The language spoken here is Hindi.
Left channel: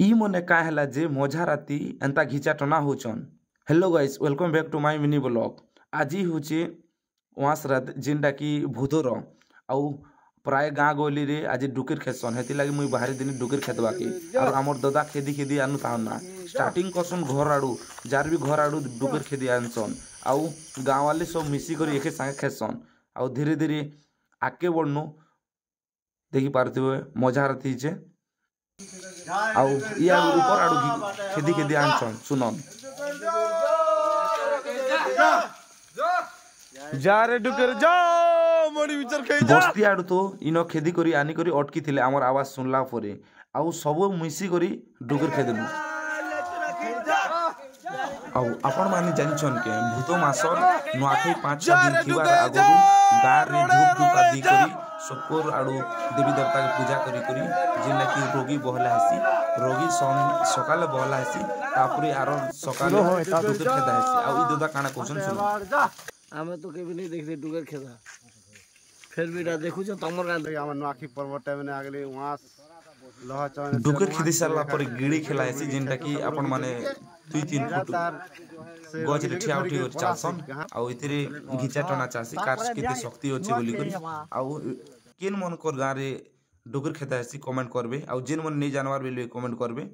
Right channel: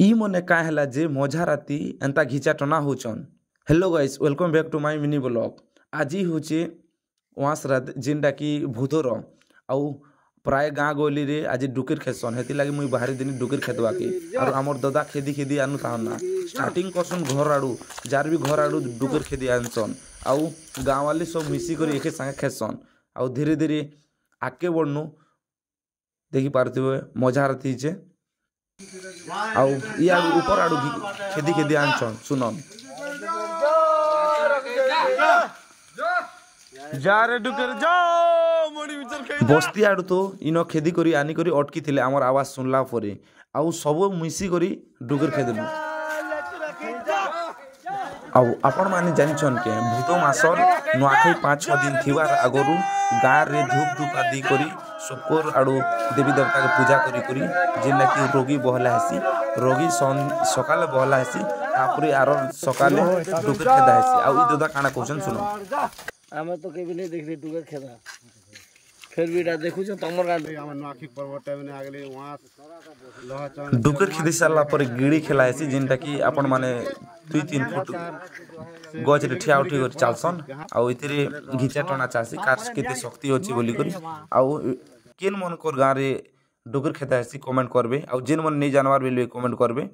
ଇ मने का हैला जे मझा राती एंता घिचा टना होचन। Hello guys, welcome back to my mini blog. आज होचे वास रात जिनटा की भूतोर आउ प्राय गाँ गली रे आज डुकेर खेसन। हेति लागी मुई बाहरी दिन डुकेर खेदवा के और हमर दादा खेदी खेदी आनु ताहना स्टार्टिंग करसन घर आडू जार भी घर आडू डुकेर खेदी आनसन आउ गाँ वाले सब मिसी कर एके संगे खेसन आउ धीरे धीरे आगे बढ़नु देखि पारथिबे मजा राती जे आउ या ऊपर आडू खेदी खेदी आनसन सुनन जा रे डुकर जा मोड़ी विचार खेई बस्ती आडू तो इनो खेदी करी आनी करी अटकी थिले हमर आवाज सुनला परे आउ सब मिसी करी डुकर खेदनु आउ आपण माने जानिछन के भूत मासर नुआखै 5-6 दिन थिबार आगरु गाँ रे धूप धूप आदि करी सुकर आडू देवी देवता के पूजा करी करी जिनला कि रोगी बहला हसी रोगी सकाले बहला हसी तापरे आरो सकाले डुकर खेदा हसी आउ ई दादा काना क्वेश्चन सुनो हम तो केबी नहीं देखली डुकर खेदा फिर भी देखु छ तमर गान हमर नुआखी पर्व टाइम ने आगली वहां लोहा चांद डुकर खेदी साला पर गिड़ी खेला हसी जिनटा कि आपण माने 2-3 फुट गज रे ठिया उठी कर चालसन आउ इतरे घिचा टना चासी कार केते शक्ति होची बोली करी आउ केन मन कर गाँ रे डुकर खेता हसी कमेंट करबे आउ जेन मन नहीं जानवर बेले कमेंट करबे।